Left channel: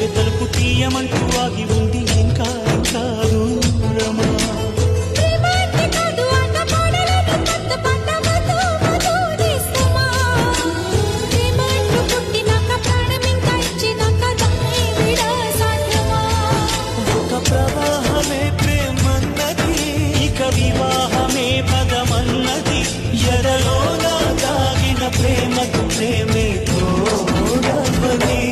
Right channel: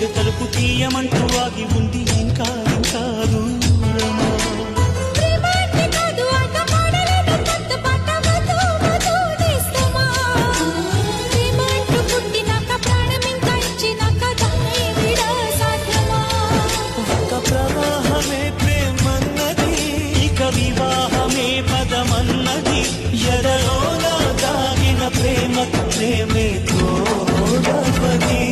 గుండె తలుపు తీయమంటూ ఆగి ఉంది ఇంకా ఇంకా దూరమా. ప్రవాహమే ప్రేమన్నది ఇక వివాహమే పదమన్నది ఎదలోన దాగిన ప్రేమకు ప్రేమే తోడవని.